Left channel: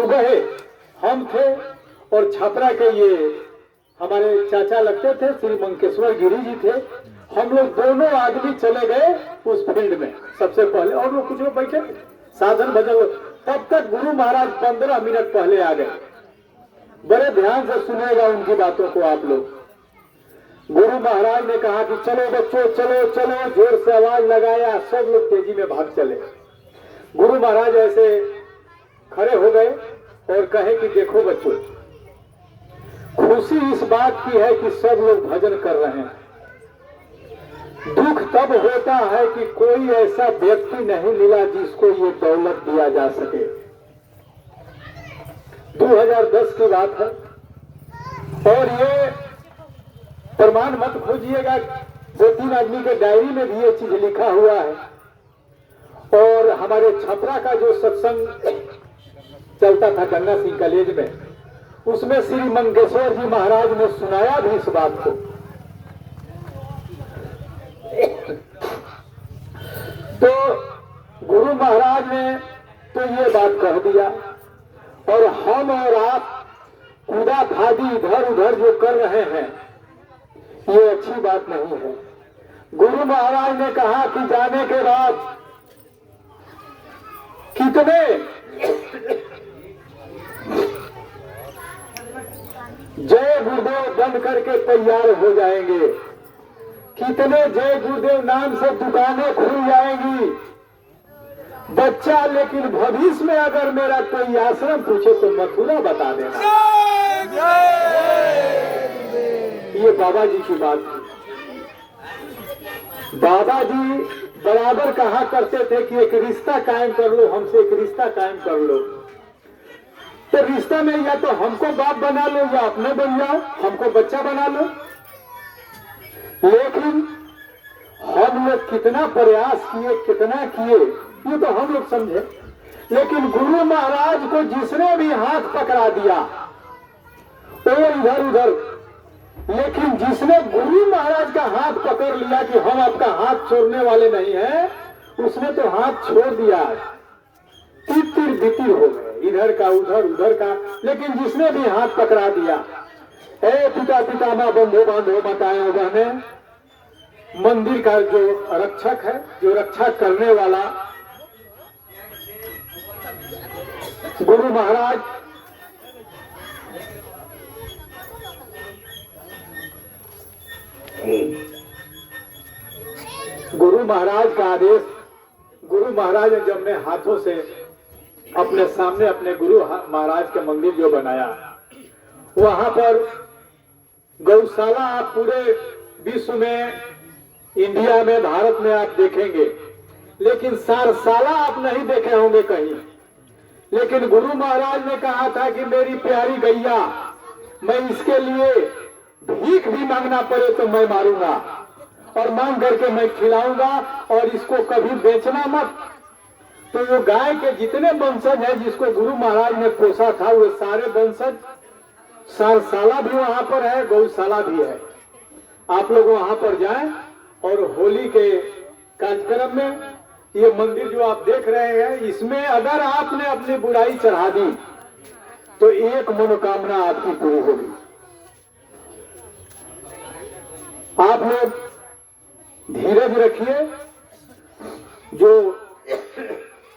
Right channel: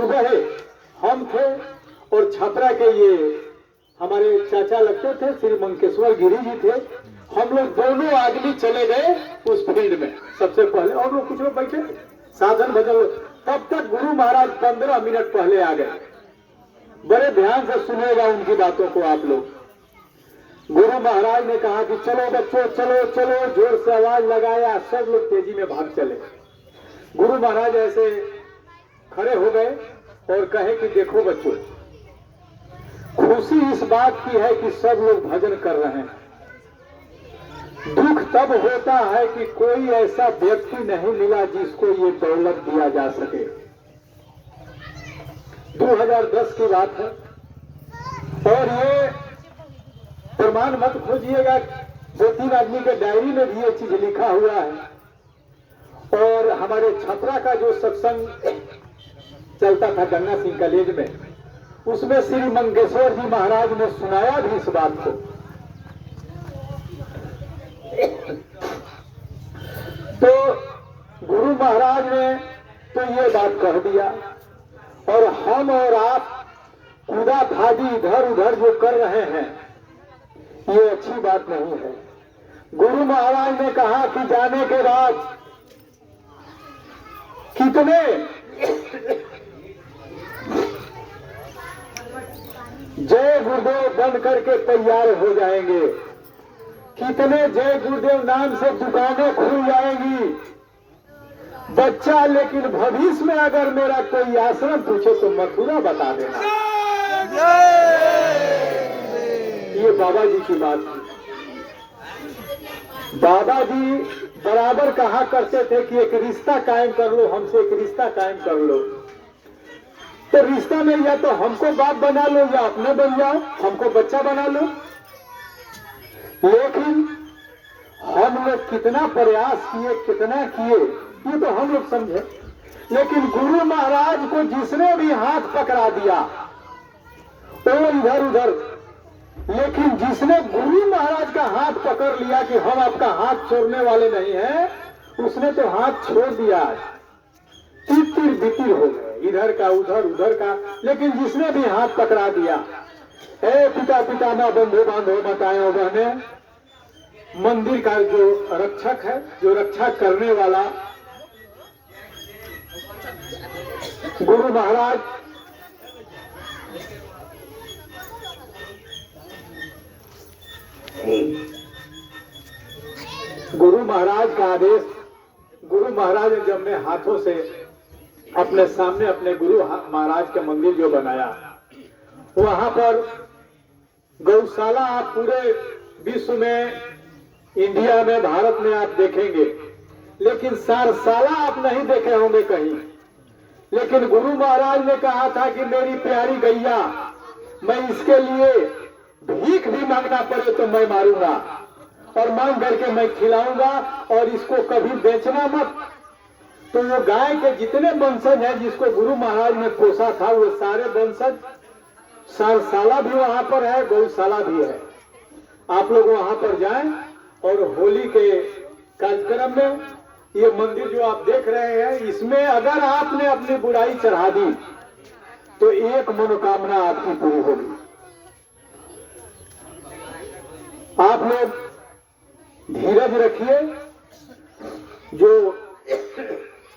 सुबह हम थे और छपरा के ये हमारे चाचा लगते थे, श्री मंकेश्वर गिरी जी थे। हम लोग दोनों आदमी चले गए उस फील्ड में सबसे पहले, और लोग कुछ लोग बैठे साधन भजन। तब तक गुरु महाराज 15 मिनट पहले आ गए। बड़े ध्यान से सुनेगा उनकी बातों को आप लोग। गुरु महाराज ने कहा कि चलो बच्चों, चलो चलो, जोर से आवाज लगाया, सब लोग तेजी में भाग चले। गुरु महाराज ऐसे खड़े हो गए और कहे कि देखो बच्चों, खुशी इस बात की है कि सब लोग भजन कर रहे हैं। दुख तब होता है कि कोई ऐसा व्यक्ति नहीं मिला जिसको ये दौलत दिया जा सके। 2010 की बात है और ये प्रमाण मत खोजिएगा, 2-3 आदमी के डायरी में भी ये चीज लिखा हुआ है। और हमारे छपरा का जो सत्संग चलता था गन्ना सिंह कॉलेज में, उसमें श्री मंगेश्वर जी महाराज ने सुनाया भी इस बात को। तो गुरु महाराज ने तो ये बात कह दिया, और हम और आप कूदा खादी इधर उधर जो कर रहे हैं ये अच्छी बात नहीं है। गुरु महाराज ने कहा कि जाने के बाद कितने जय गुरुदेव बन करके तैयार हो जाएंगे, कितने जय गुरुदेव नाम से दुकानें खुल जाएंगी। बच्चा लेकिन भविष्य में अगर मेरा कोई आश्रम पूछे तो मथुरा बता देना। ये बाबा जी की बात थी। बाबा जी बराबर कहा करते थे कि एक रिश्ता कायम कर लो, हमसे एक रिश्ता कायम कर लो। तो रिश्ता में या तो हमको बाप बना लो या अपने बन जाओ, हमको बच्चा बना लो। लेकिन हम लोग कितना प्रयास किए, कितना किए, ये तो हम लोग समझे। लेकिन गुरु महाराज को जिसने भी हाथ पकड़ा दिया तो इधर उधर, लेकिन जिसने गुरु महाराज का हाथ पकड़ लिया कि हम आपका हाथ छोड़ने वाले नहीं हैं, उसने तो हाथ छोड़ दिया। तितिर बितिर हो गए, इधर का उधर, उधर का। लेकिन जिसने भी हाथ पकड़ा दिया, ए पिता पितामह बंधु बांधो माताएं बहने, मंदिर का जो रक्षक है, जो रक्षा करने वाला गुरु महाराज, गुरु महाराज का आदेश, गुरु महाराज ने जब अपने हाथों से अपने सामने अपने गुरु महाराज का मंदिर जो बनाया, वहां पर गौशाला आप पूरे विश्व में, इंडिया में, भारत में आप देखेंगे, लेकिन सारशाला आप नहीं देखे होंगे कहीं। लेकिन गुरु महाराज ने कहा था कि मेरी प्यारी गैया, मैं इसके लिए भीख भी मांगना पड़े तो मैं मारूंगा, और मांग करके मैं खिलाऊंगा, और इसको कभी बेचना मत। तो वो गाय के जितने वंशज हैं जिसको गुरु महाराज ने पोसा था, वो सारे वंशज, सारशाला भी वहां पर है, गौशाला भी है। आप लोग वहां पर जाएं और होली के कार्यक्रम में ये मंदिर जो आप देख रहे हैं, इसमें अगर आपने अपनी बुराई चढ़ा दी तो एक मनोकामना आपकी पूरी होगी। आप लोग धीरज रखिए। जो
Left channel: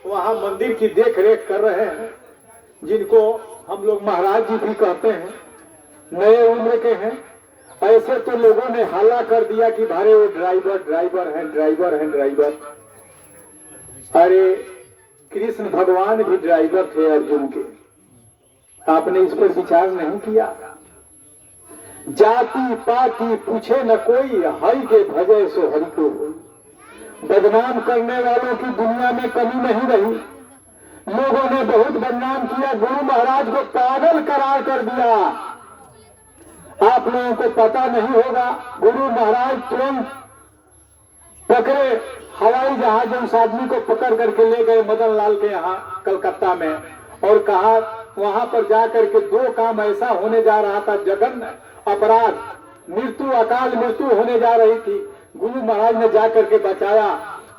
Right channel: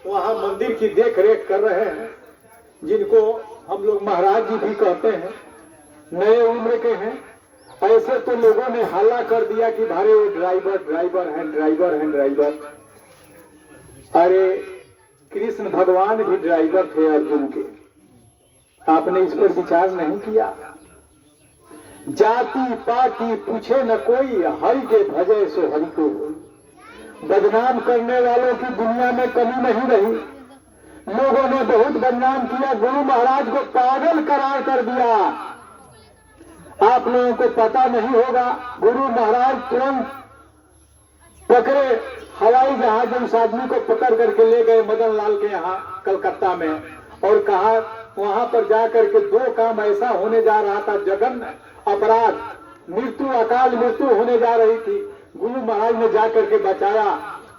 वहां मंदिर की देख रेख कर रहे हैं, जिनको हम लोग महाराज जी भी कहते हैं, नए उम्र के हैं, ऐसे तो लोगों ने हल्ला कर दिया कि भारे वो ड्राइवर ड्राइवर हैं, ड्राइवर हैं, ड्राइवर। अरे कृष्ण भगवान भी ड्राइवर थे अर्जुन के। आपने इस पर विचार नहीं किया। जाति पाति पूछे न कोई, हरि के भजय सो हरि को। बदनाम करने वालों की दुनिया में कमी नहीं रही। लोगों ने बहुत बदनाम किया, गुरु महाराज को पागल करार कर दिया। आप लोगों को पता नहीं होगा, गुरु महाराज तुरंत पकड़े हवाई जहाज उस आदमी को पकड़ करके ले गए मदन लाल के यहाँ कलकत्ता में, और कहा वहां पर जाकर के 2 काम ऐसा होने जा रहा था, जघन्य अपराध, मृत्यु, अकाल मृत्यु होने जा रही थी। गुरु महाराज ने जाकर के बचाया,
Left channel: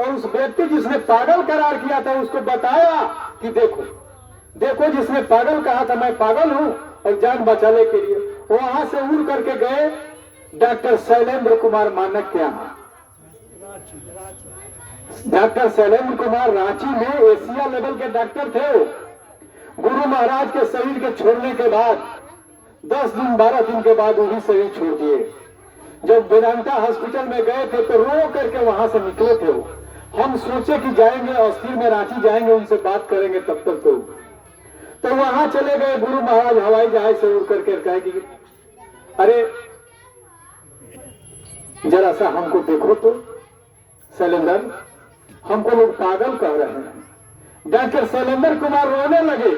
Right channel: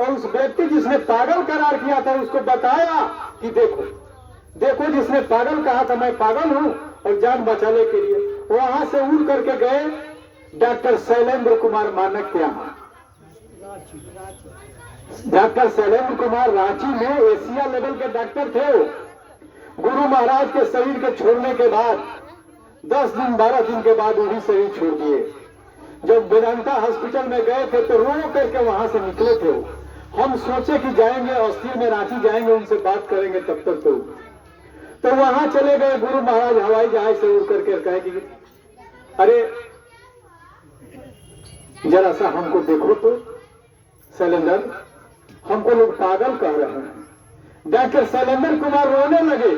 और उस व्यक्ति जिसने पागल करार किया था उसको बताया कि देखो देखो जिसने पागल कहा था मैं पागल हूं और जान बचाने के लिए, वहां से उड़ करके गए डॉक्टर शैलेंद्र कुमार मानक के यहाँ। डॉक्टर शैलेंद्र कुमार रांची में एशिया लेवल के डॉक्टर थे। वो गुरु महाराज के शरीर के छोड़ने के बाद 10 दिन 12 दिन के बाद वो भी शरीर छोड़ दिए। जब वेदांता हॉस्पिटल में गए थे तो रो करके वहां से निकले थे। हम सोचे कि जाएंगे अस्थिर में रांची जाएंगे, उनसे बात करेंगे, तब तक तो वहां चले गए। गुरु महाराज हवाई जहाज से उड़ करके कहे कि अरे जरा सा हमको देखो तो शैलेंद्र, हमको लोग पागल कह रहे हैं। डॉक्टर शैलेंद्र कुमार रोने लगे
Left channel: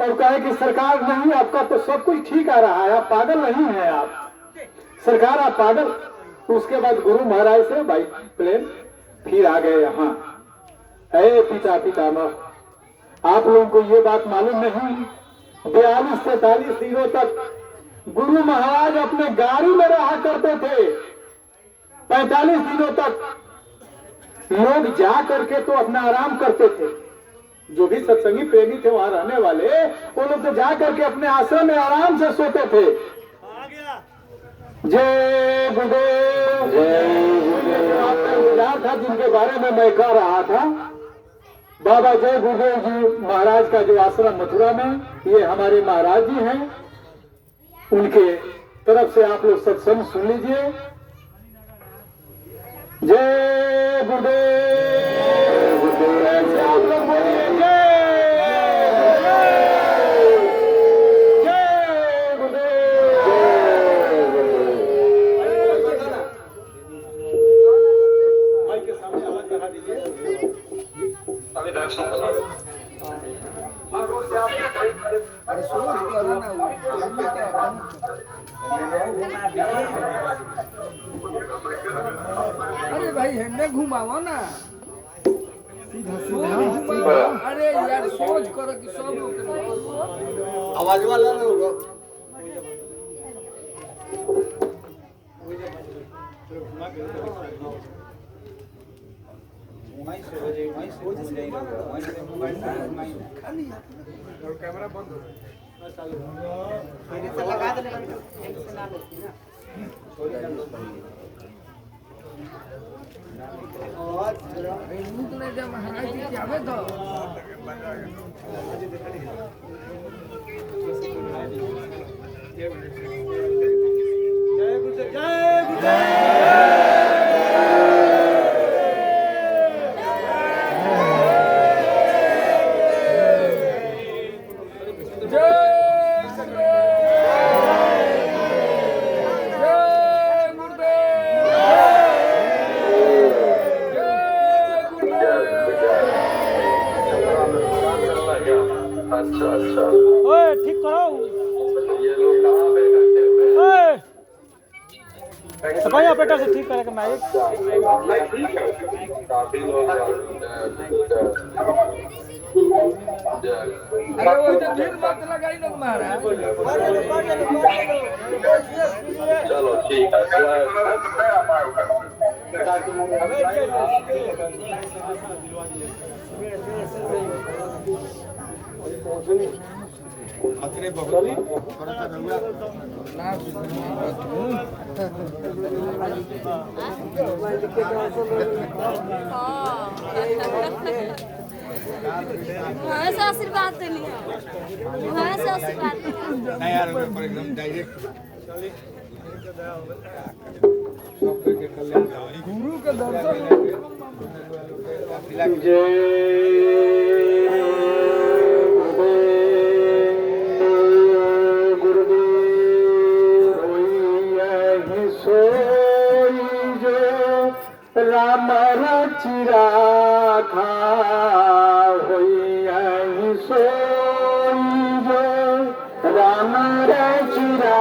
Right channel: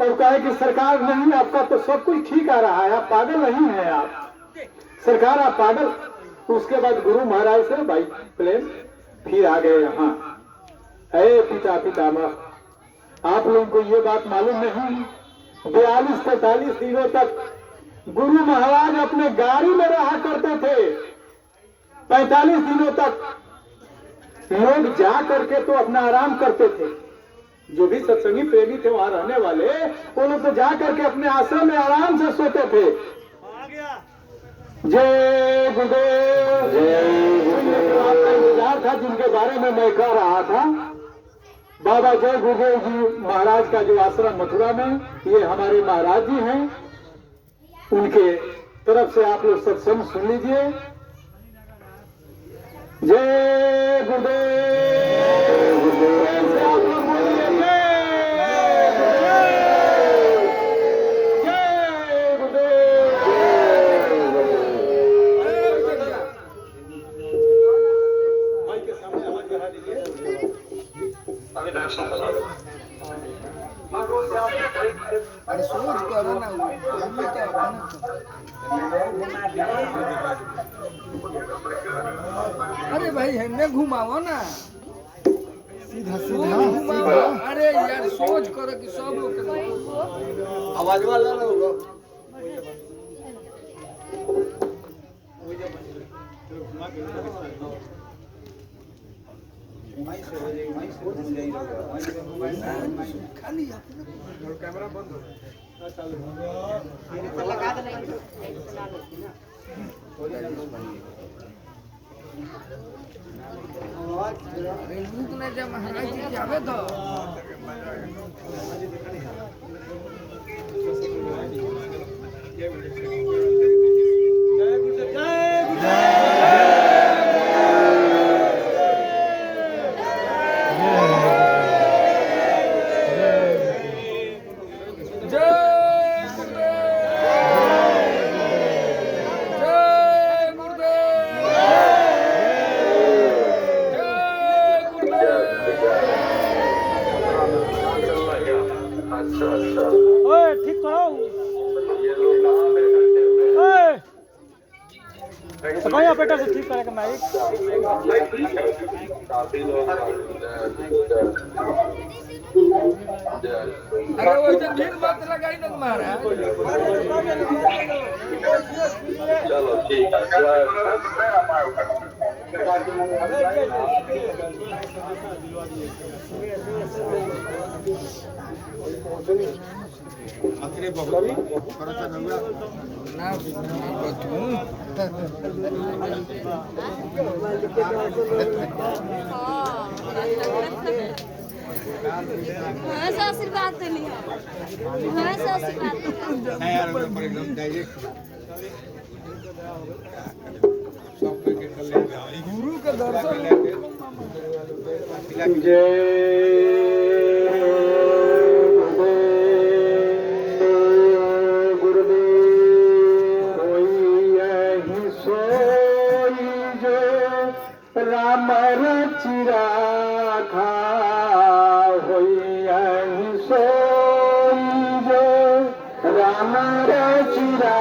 और कहे कि सरकार नहीं, आपका तो सब कुछ ठीक आ रहा है, आप पागल नहीं है, आप सरकार आप पागल। उसके बाद गुरु महाराज से बाई प्लेन फिर आ गए यहाँ। अरे पितामह, आप लोगों को ये बात मालूम नहीं, 42-43 दिनों तक गुरु महाराज अपने गाड़ी में रहा करते थे। 45 दिनों तक लोग जा करके तो अपना आराम करते थे। जो भी सत्संगी प्रेमी थे वहां रहने वाले, वो लोग तो जा करके अपने आश्रम में आराम से सोते थे। जय गुरुदेव, आपका इंतजार था जिनके बारे में मैं कह रहा था। बाबा जय गुरुदेव जी महाराज का जो आश्रम मथुरा में, ये हमारे महाराज जी हैं। उनके तरफ से आप लोग सत्संग सुन लीजिए। जय गुरुदेव, से आप लोग बोलिए जय गुरुदेव। भाई के सामने आवाज बढ़ा दीजिए। अरे सोच करो ना, हमें क्या अरे भाई हमें घुमाओ ना, सीधा सीधा। अरे यार सोच करो कि सब लोग आवाज वाला ना हो। कैमरा बंद लगा देना। जब महाराज जी के आवे तो जय गुरुदेव, जय गुरुदेव। ठीक करो सफाई ऑपरेटर से ठीक करेगा माइक। अरे वो तो भीड़ बात लगाई ना तुम्हारा। चलो ठीक अतरे बहुत थोड़ा सा रंगा ना हाँ से आशीर्वाद देनी है, हाँ से आशीर्वाद नहीं यार पर एकदम डायरेक्ट गुरु का दर्शन। जय राम रचिरा खा होई सोई जो राम रचिरा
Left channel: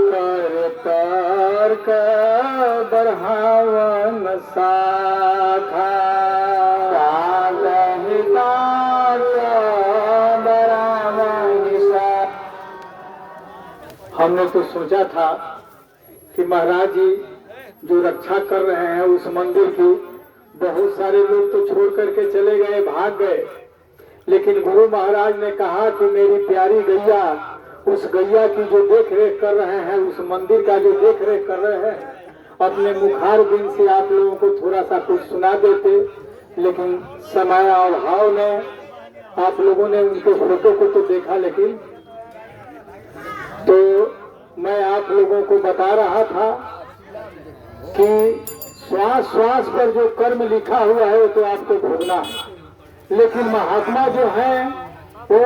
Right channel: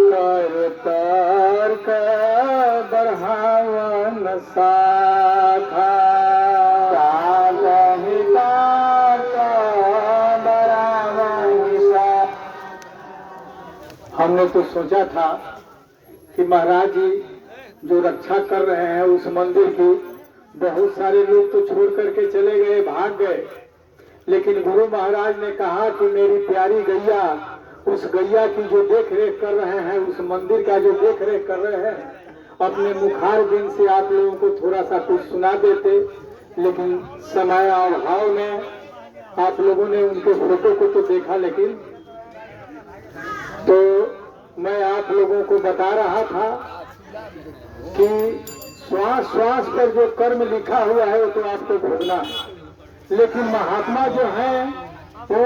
कर तर्क बढ़ावन साखा हमने तो सोचा था कि महाराज जी जो रक्षा कर रहे हैं उस मंदिर की, बहुत सारे लोग तो छोड़ करके चले गए, भाग गए, लेकिन गुरु महाराज ने कहा कि मेरी प्यारी गैया, उस गैया की जो देख रेख कर रहे हैं, उस मंदिर का जो देख रेख कर रहे हैं, अपने मुखार बिन से आप लोगों को थोड़ा सा कुछ सुना देते, लेकिन समय और भाव में आप लोगों ने उनके फोटो को तो देखा, लेकिन तो मैं आप लोगों को बता रहा था कि श्वास श्वास पर जो कर्म लिखा हुआ है वो तो आपको भोगना है, लेकिन महात्मा जो है वो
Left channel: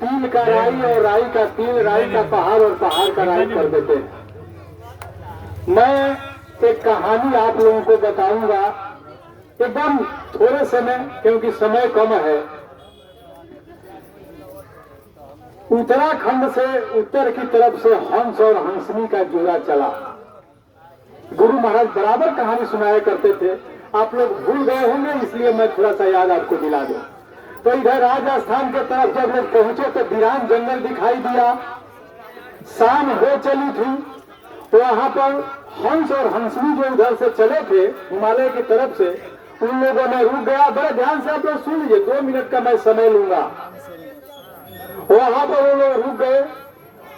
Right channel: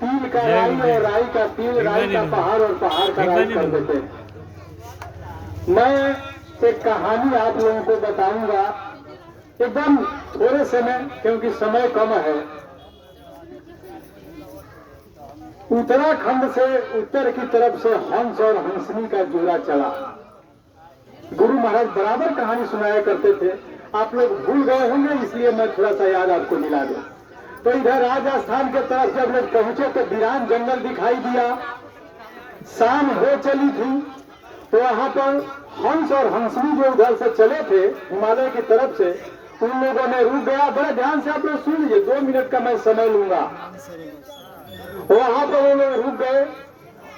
तिल का राई और राई का तिल, राई का पहाड़ और पहाड़ का राई कर देते हैं। मैं एक कहानी आप लोगों को बताऊंगा एकदम थोड़े समय, क्योंकि समय कम है। उत्तराखंड से उत्तर की तरफ से हंस और हंसनी का जोड़ा चला। गुरु महाराज बराबर कहानी सुनाया करते थे, आप लोग भूल गए होंगे, इसलिए मैं थोड़ा सा याद आपको दिला दूं। तो इधर राजस्थान के तरफ जब लोग पहुंचे तो वीरान जंगल दिखाई दिया। शाम हो चली थी तो वहां पर हंस और हंसनी जो इधर से चले थे हिमालय की तरफ से, उन लोगों ने रुक गया। बड़ा ध्यान से आप लोग सुन लीजिए, 2 मिनट का मैं समय लूंगा। वहां पर वो लोग रुक गए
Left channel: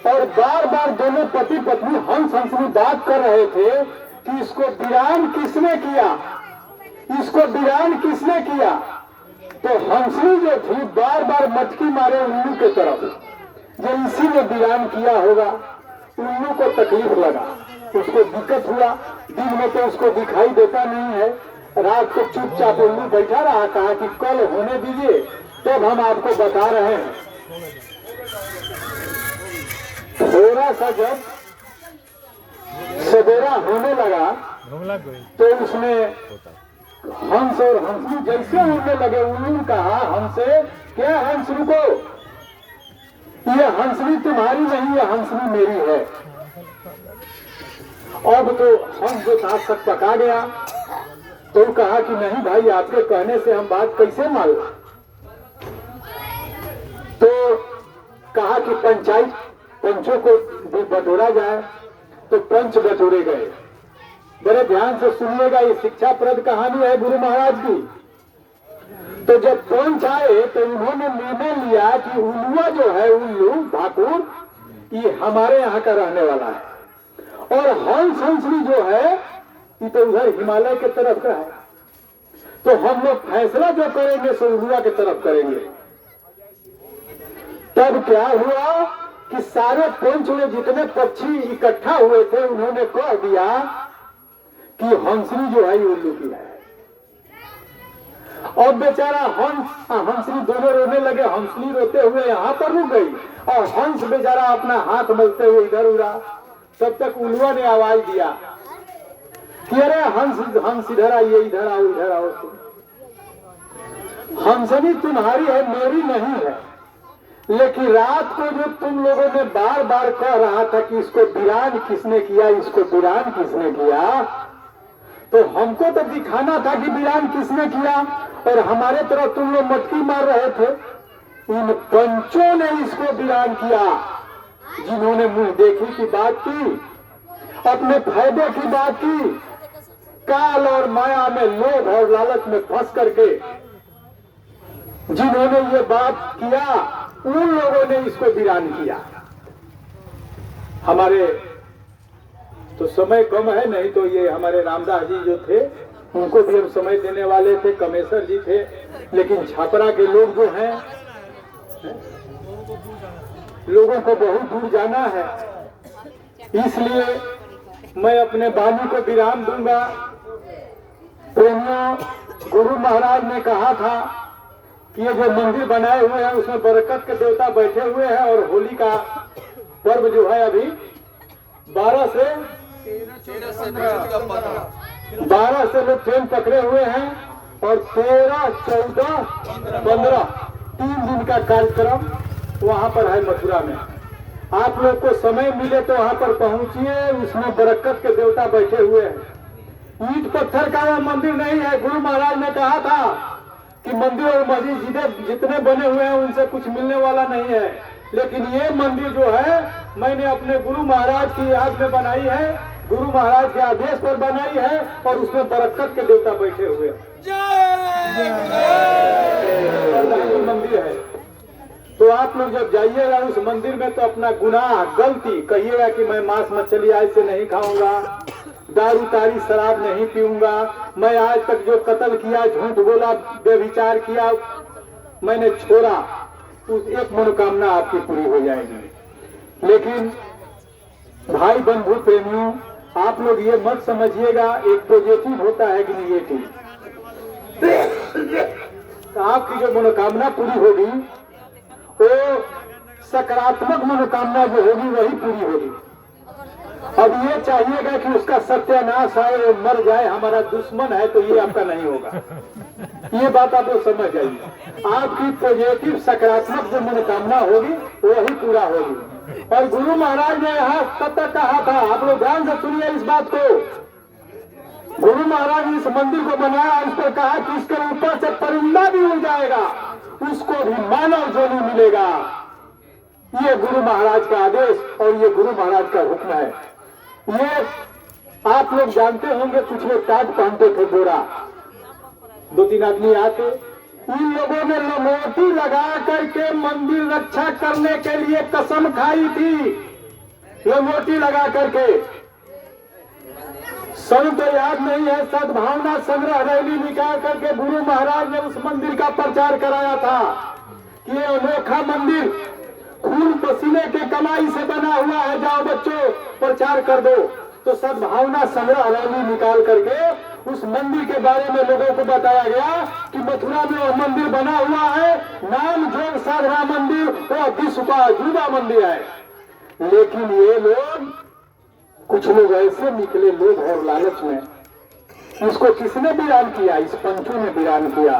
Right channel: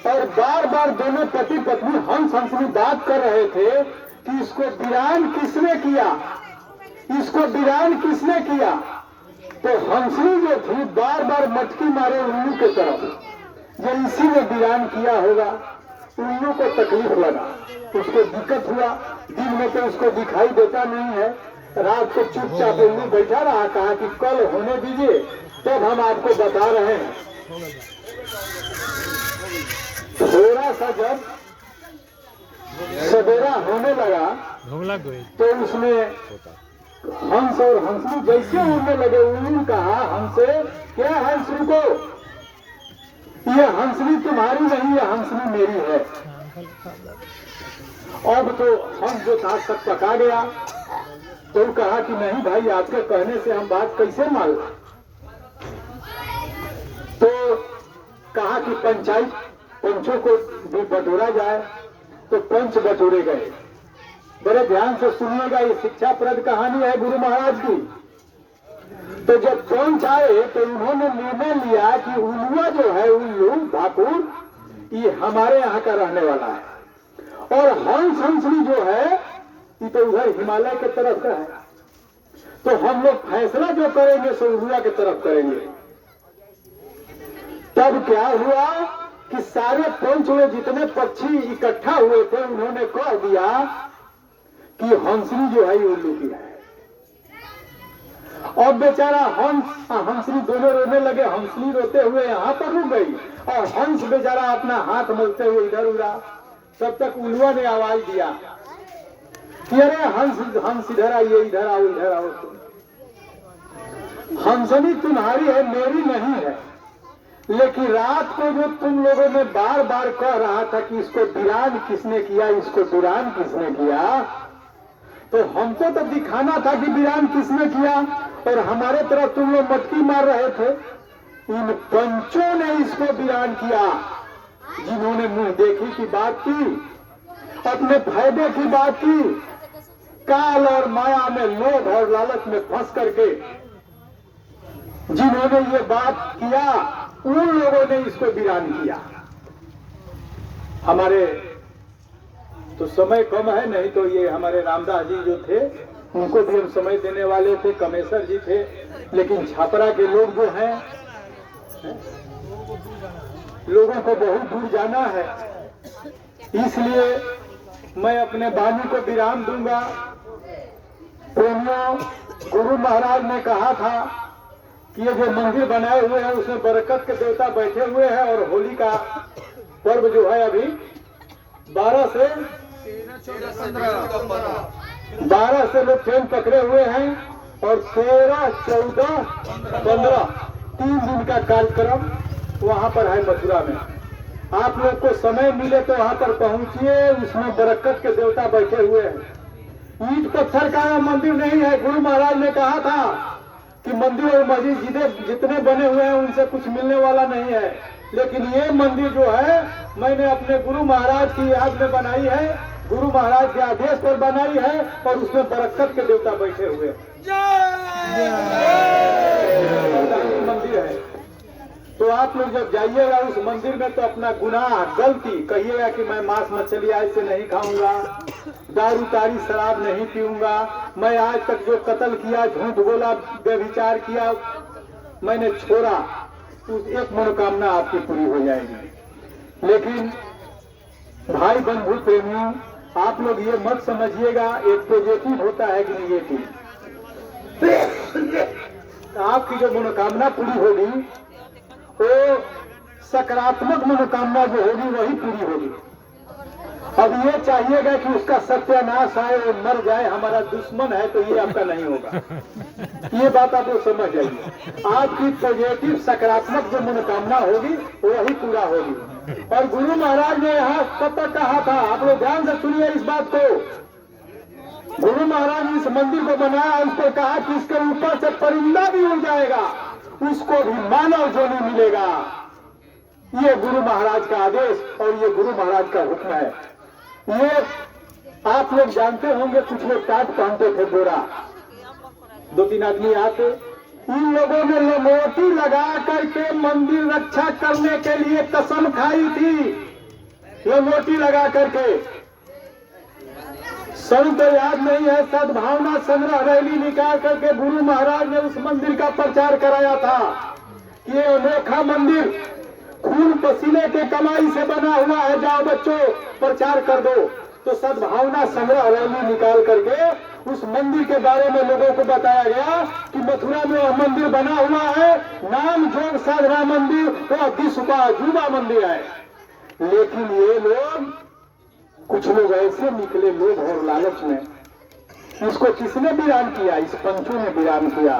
और बार बार दोनों पति पत्नी हंस हंसनी बात कर रहे थे कि इसको वीरान किसने किया, इसको वीरान किसने किया। तो हंसनी जो थी बार बार मटकी मारे उल्लू के तरफ, ये इसी ने वीरान किया होगा। उल्लू को तकलीफ लगा, उसको दिक्कत हुआ। दिन में तो उसको दिखाई देता नहीं है, रात को चुपचाप उल्लू बैठा रहा, कहा कि कल होने दीजिए तब हम आपको बता रहे हैं। थोड़ा सा जब सवेरा होने लगा तो उसने हंस और हंसनी जैसे उड़ने लगे, उन्होंने कहा हमसे, क्या हंस रुको, ये हंसनी तुम्हारी नहीं, ये हंसनी मेरी है। अब तो हंस जो था सब पका गया, तो कहा कि नहीं भाई, आपके कहने से हम बात कैसे मान। तो कहा कि पंचायत पंचों को भी बटोरा जाए, तो पंच बटोरे गए। बड़े ध्यान से सुनिएगा, ये शिक्षाप्रद कहानी है गुरु महाराज की। तो जब पंच आए तो उन्होंने निर्णय लिया कि उल्लुआ जो है, उल्लू भाकुर, ये हमारे यहाँ का रहने वाला है, और हंस हंसनी जो है ये तो उधर हिमालय के तरफ का है। तो हम लोग फैसला जो करेंगे सो उल्लुआ की तरफ करेंगे। तब क्या हुआ कि सारे पंच में जितने पक्षी इकट्ठा हुए थे उन्होंने कह दिया कि हंसनी जो है उल्लू की है। और बेचारा हंस हंसनी दोनों रोने लगे। हंसनी रोते हुए यहाँ पर रुक गई और हंस बेचारा अपना हाथ मलते हुए इधर उड़ा। तब तक उल्लुआ ने आवाज दिया कि अरे हंस इधर आइए, इधर आओ, इधर आओ। हंसनी तुम्हारी है, मेरी नहीं है। लेकिन रात को जो तुम लोगों ने बार बार कह रहा था कि इसको वीरान किसने किया, इसको वीरान किसने किया, तो हमको तो दिखाना था कि वीरान किसने किया, और हमारे तरफ तुम लोग मटकी मार रहे थे। इन पंचों ने इसको वीरान किया, जिन्होंने मुंह देखी की बात की, अपने फायदे की बात की, काल और माया में, लोभ और लालच में फंस करके जिन्होंने ये बात किया, उन लोगों ने इसको वीरान किया। हमारे तो समय कम है, नहीं तो ये हमारे रामदास जी जो थे उनको भी हम समय देने वाले थे, कमेसर जी थे, लेकिन छापरा के लोग जो हैं, लोगों को बहुत दूर जाना है, इसलिए मैं अपने वाणी को विराम दूंगा। प्रेमियों, गुरु महाराज ने कहा था कि ये जो मंदिर बनाए हुए हैं उसमें बरकत के देवता बैठे हुए हैं, और होली का पर्व जो है अभी 12 से लोग ट्रेन पकड़े हुए हैं, और 13, 14, 15 3 दिन का कार्यक्रम वहां पर है मथुरा में। आप लोग को समय मिले तो वहां पर पहुंचिए, उसमें बरकत के देवता बैठे हुए हैं। ईंट पत्थर का मंदिर नहीं है। गुरु महाराज ने कहा था कि मंदिर और मस्जिद जितने बने हुए हैं उनसे कुछ मिलने वाला नहीं है, लेकिन ये मंदिर जो है मैंने अपने गुरु महाराज की याद में बनाई है, गुरु महाराज के आदेश पर बनाई है, और उसमें बरकत के देवता बैठे हुए हैं। मंदिर है। तो आप लोग जब जाइएगा उस मंदिर में तो अपना गुनाह गलती कहिएगा कि मैं मांस मछली आज से नहीं खाऊंगा, दारू तारी शराब नहीं पीऊंगा, मैं आज तक जो कत्ल किया, झूठ बोला, व्यभिचार किया, मैंने छोड़ा, उस एक मनोकामना आपकी पूरी हो जाएगी। लेकिन भाई बंधु प्रेमियों, आप लोग ये मत समझिएगा एक पॉजिटिव होता है कि निगेटिव। आपकी जो मनोकामना पूरी होगी तो सकारात्मक मनोकामना जो होगी वही पूरी होगी। अब ये चाहिएगा कि उसका सत्यानाश आए और मर जाए, हमारा दुश्मन है, तो ये आपका नहीं होगा। ये बात आप लोग समझ जाइए। आपकी पॉजिटिव सकारात्मक जो मनोकामना होगी वही पूरा होगी। और गुरु महाराज ने यहाँ कब तक कहा था, आप लोग ध्यान से सुनिए इस बात को। गुरु महाराज ने इस मंदिर को बनाया, उस पर कहा कि इसके ऊपर से परिंदा भी उड़ जाएगा, उसको भी मानव जोनी मिलेगा। ये गुरु महाराज का आदेश और ये गुरु महाराज का हुक्म है। ये आप लोग जानते होंगे, कुछ लोग टाट पहनते थे गोरा, 2-3 आदमी आते, इन लोगों ने लंगोटी लगा करके मंदिर रक्षा करने के लिए कसम खाई थी, लंगोटी लगा करके। सन तो याद नहीं है, सद्भावना संग्रह रैली निकाल करके गुरु महाराज ने उस मंदिर का प्रचार कराया था कि ये अनोखा मंदिर खून पसीने के कमाई से बना हुआ है, जाओ बच्चों प्रचार कर दो। तो सद्भावना संग्रह रैली निकाल करके उस मंदिर के बारे में लोगों को बताया गया कि मथुरा में वह मंदिर बना हुआ है, नाम जोग साधना मंदिर, वह विश्व का अजूबा मंदिर है। लेकिन ये लोग, कुछ लोग ऐसे निकले लोग और लालच में, इसको किसने वीरान किया? इस पंचों ने वीरान किया।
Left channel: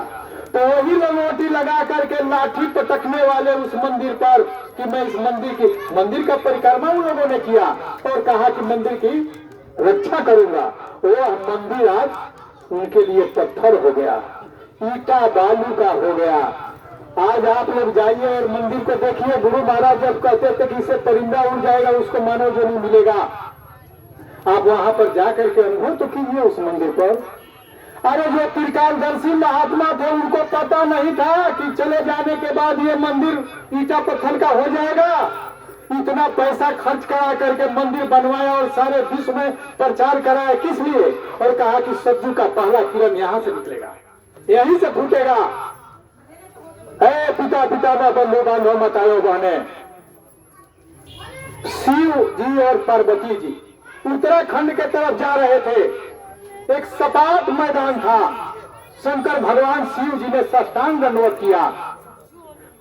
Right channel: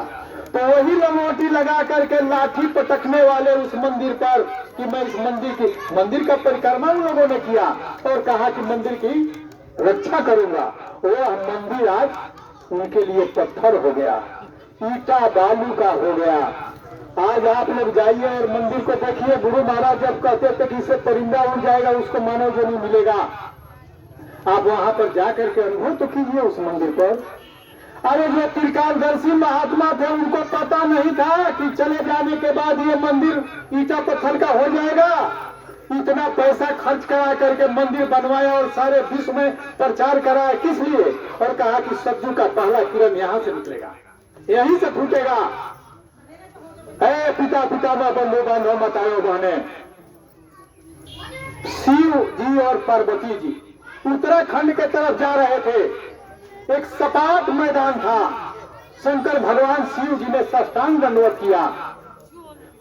तो वही लंगोटी लगा करके लाठी पटकने वाले उस मंदिर पर कि मैं इस मंदिर का परिक्रमा उन लोगों ने किया और कहा कि मंदिर की रक्षा करूंगा। वह मंदिर आज उनके लिए पत्थर हो गया, ईटा बालू का हो गया। आज आप लोग जाइए और मंदिर पे देखिए, गुरु महाराज जब कहते थे कि इससे परिंदा उड़ जाएगा, उसको मानव जो नहीं मिलेगा, आप वहां पर जाकर के अनुभव तो कीजिए उस मंदिर पर। अरे जो त्रिकालदर्शी महात्मा थे उनको पता नहीं था कि चले जाने के बाद ये मंदिर ईटा पत्थर का हो जाएगा। इतना पैसा खर्च करा करके मंदिर बनवाया और सारे विश्व में प्रचार कराया, किस लिए? और कहा कि सत्युग का पहला किरण यहाँ से निकलेगा, यहीं से फूटेगा। पिता पिता में बंधु बांधव मतायो बहने, शिव जी और पार्वती जी उत्तराखंड के तरफ जा रहे थे। एक सपाट मैदान था, शंकर भगवान शिव जी ने साष्टांग दंडवत किया।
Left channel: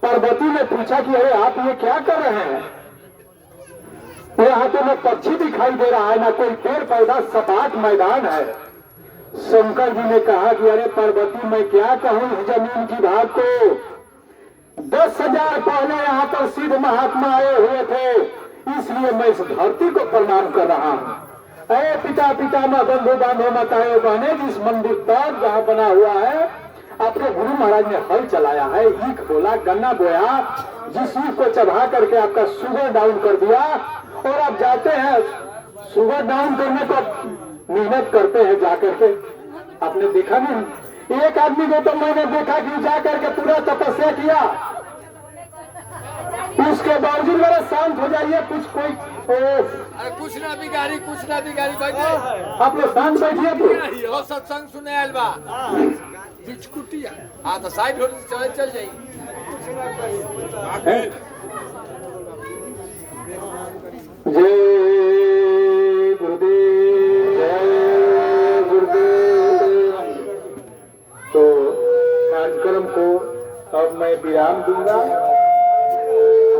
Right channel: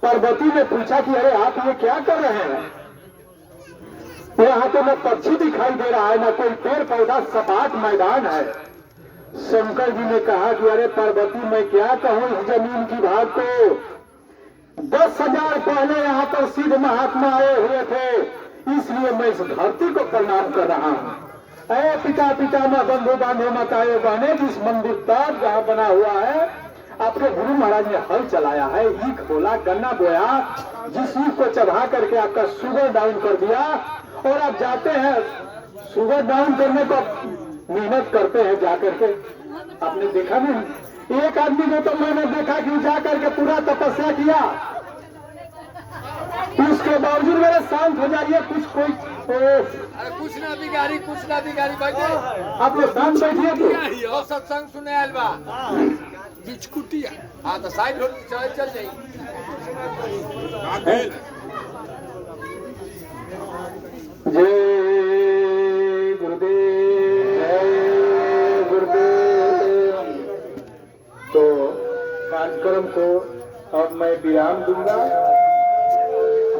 पार्वती ने पूछा कि अरे आप ये क्या कर रहे हैं? यहाँ तो न पक्षी दिखाई दे रहा है, न कोई पेड़ पौधा, सपाट मैदान है। शंकर जी ने कहा कि अरे पार्वती मैं क्या कहूँ इस जमीन की भाग को, 10,000 पहले यहाँ पर सिद्ध महात्मा आए हुए थे, इसलिए मैं इस धरती को प्रणाम कर रहा हूँ। पिता पिता में बंधु बांधे मताए बहने, जिस मंदिर पर जहाँ बना हुआ है, अपने गुरु महाराज ने हल चलाया है, ईख बोला, गन्ना बोया, जिस ईख को चढ़ा करके आपका शुगर डाउन कर दिया। और आप जाते हैं शुगर डाउन करने पर मेहनत करते हैं जाकर के, आपने देखा नहीं? एक आदमी को तो मैंने देखा कि जाकर के पूरा तपस्या किया, उसके बावजूद मेरा शांत हो जाइए, कुछ ना बिगाड़ी भाई, आप लोग शांत बैठिए तो सत्संग सुने आयल बा बिचकुटिया। हाँ तो साइड चल जाइए। जय गुरुदेव, जय गुरुदेव। तो कार्यक्रम को अब मैं विराम दूंगा।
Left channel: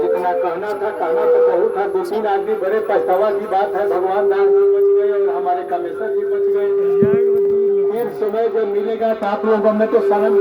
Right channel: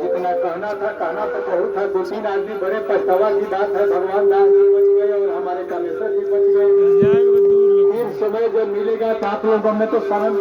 जितना कहना था बहुत था, 2-3 आदमी बड़े पछतावा की बात है, भगवान दास जी बच गए और हमारे कामेश्वर जी बच गए। फिर समय जब मिलेगा तो आप लोगों में तो समझ